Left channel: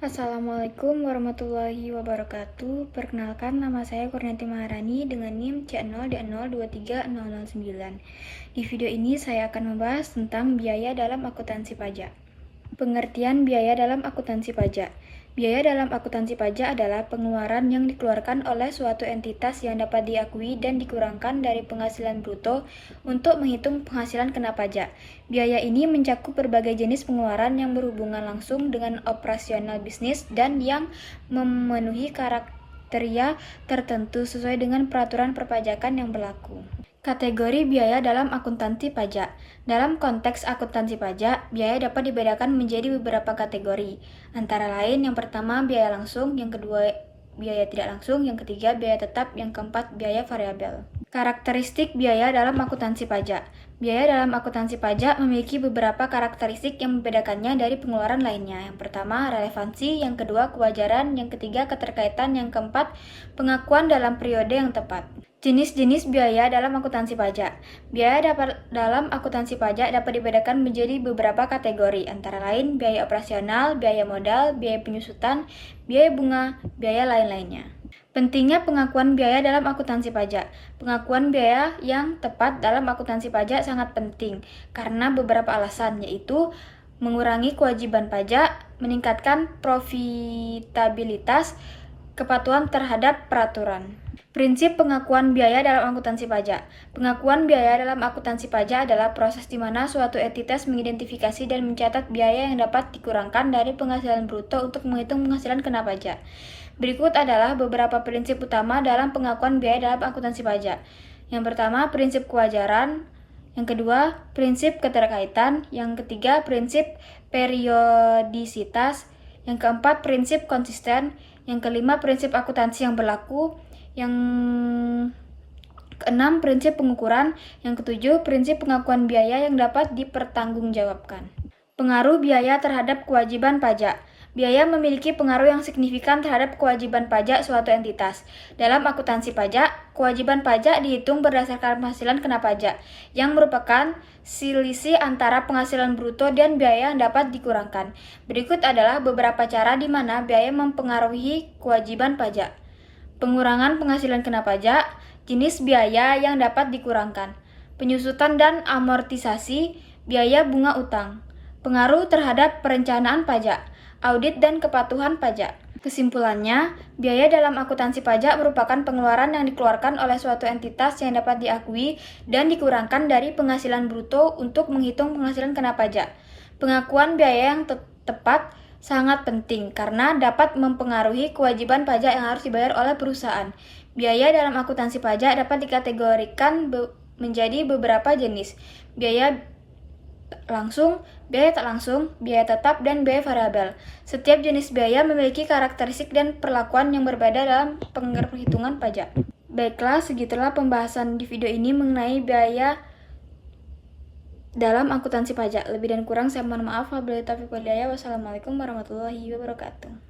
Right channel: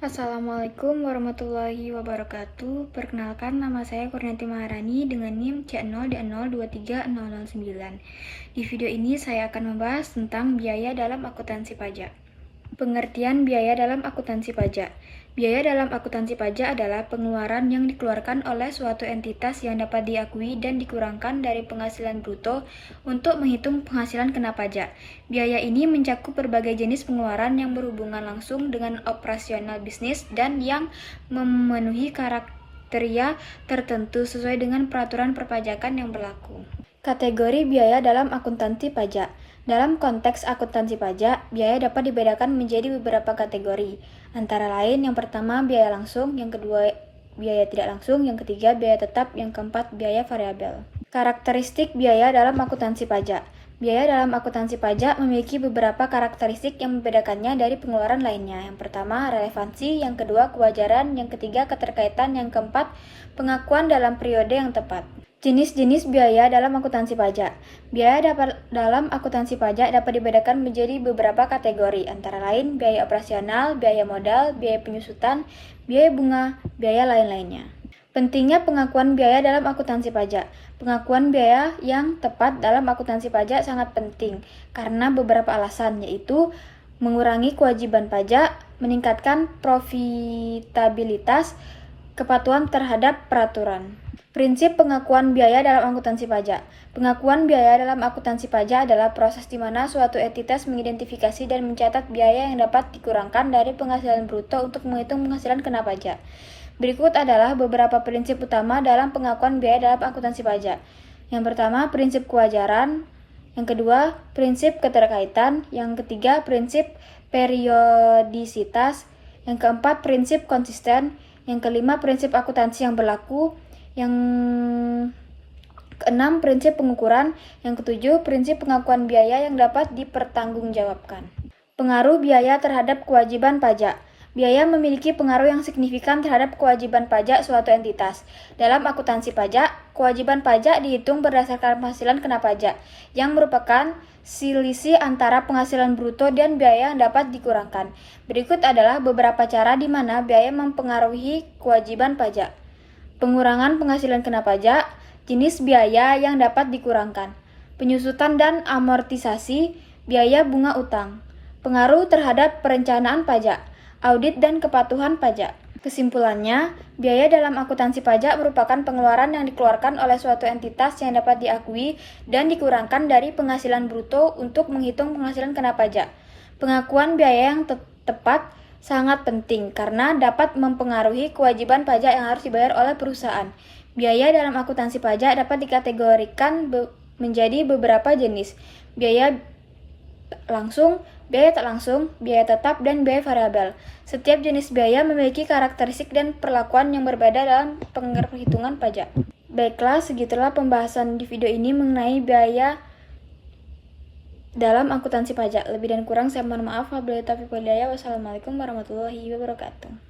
Assalamualaikum warahmatullahi wabarakatuh. Perkenalkan, nama saya Kurniati Maharani dengan NIM C0D023009. Di video ini saya akan membahas tentang biaya dalam akuntansi pajak. Pengertian biaya dalam akuntansi pajak. Biaya dalam akuntansi pajak adalah pengeluaran yang dikeluarkan oleh suatu entitas yang dapat diakui dan dikurangkan dari penghasilan bruto untuk menghitung penghasilan kena pajak. Biaya ini mencakup berbagai jenis pengeluaran yang berhubungan langsung dengan operasional bisnis dan yang memenuhi kriteria tertentu sesuai dengan peraturan perpajakan yang berlaku. Kategori biaya dalam akuntansi pajak. Dalam konteks akuntansi pajak, biaya dapat dibedakan menjadi beberapa kategori. Antara lain, yang pertama biaya langsung, yang kedua biaya tidak langsung, yang ketiga biaya tetap, yang keempat biaya variabel. Karakteristik biaya dalam akuntansi pajak. Biaya dalam akuntansi pajak memiliki beberapa karakteristik yang membedakannya dari pengeluaran lainnya. Yang pertama, relevansi, yang kedua, kewajaran, yang ketiga, keterkaitan, yang keempat, pengakuan dalam periode yang tepat. Jenis-jenis biaya dalam akuntansi pajak. Biaya dalam akuntansi pajak dapat dibedakan menjadi beberapa kategori, antara lain biaya operasional, biaya modal, biaya penyusutan, biaya bunga, biaya lain-lainnya. Pentingnya pengakuan biaya dalam akuntansi pajak. Pengakuan biaya yang tepat dalam akuntansi pajak sangat penting karena beberapa alasan, yaitu mengurangi kewajiban pajak, meningkatkan profitabilitas, kepatuhan terhadap peraturan. Prinsip pengakuan biaya dalam akuntansi pajak. Pengakuan biaya dalam akuntansi pajak adalah proses di mana suatu entitas mengidentifikasi dan mencatat biaya yang dapat dikurangkan dari penghasilan bruto untuk menghitung penghasilan kena pajak. Berikut adalah beberapa prinsip utama dalam pengakuan biaya dalam akuntansi pajak. Yang pertama, prinsip kewajaran. Yang kedua, prinsip keterkaitan. Yang ketiga, prinsip periodisitas. Yang keempat, prinsip konsisten. Yang kelima, prinsip akuntansi yang berlaku. Yang keenam, prinsip pengukuran. Yang ketujuh, prinsip pengakuan biaya yang dapat dipertanggungjawabkan. Pengaruh biaya terhadap kewajiban pajak. Biaya memiliki pengaruh yang signifikan terhadap kewajiban pajak suatu entitas. Dalam akuntansi pajak, kewajiban pajak dihitung berdasarkan penghasilan kena pajak, yang merupakan selisih antara penghasilan bruto dan biaya yang dapat dikurangkan. Berikut adalah beberapa cara di mana biaya mempengaruhi kewajiban pajak. Pengurangan penghasilan kena pajak, jenis biaya yang dapat dikurangkan, penyusutan dan amortisasi, biaya bunga utang, pengaruh terhadap perencanaan pajak, audit dan kepatuhan pajak. Kesimpulannya, biaya dalam akuntansi pajak merupakan pengeluaran yang dikeluarkan oleh suatu entitas yang dapat diakui dan dikurangkan dari penghasilan bruto untuk menghitung penghasilan kena pajak. Pengakuan biaya yang tepat sangat penting karena dapat mempengaruhi kewajiban pajak yang harus dibayar oleh perusahaan. Biaya dalam akuntansi pajak dapat dikategorikan menjadi beberapa jenis. Biaya langsung, biaya tak langsung, biaya tetap, dan biaya variabel. Setiap jenis biaya memiliki karakteristik dan perlakuan yang berbeda dalam perhitungan pajak. Baiklah, segitulah pembahasan di video ini mengenai biaya dalam akuntansi pajak. Lebih dan kurang saya mohon maaf. Wabillahi taufiq wal hidayah. Wassalamualaikum warahmatullahi wabarakatuh.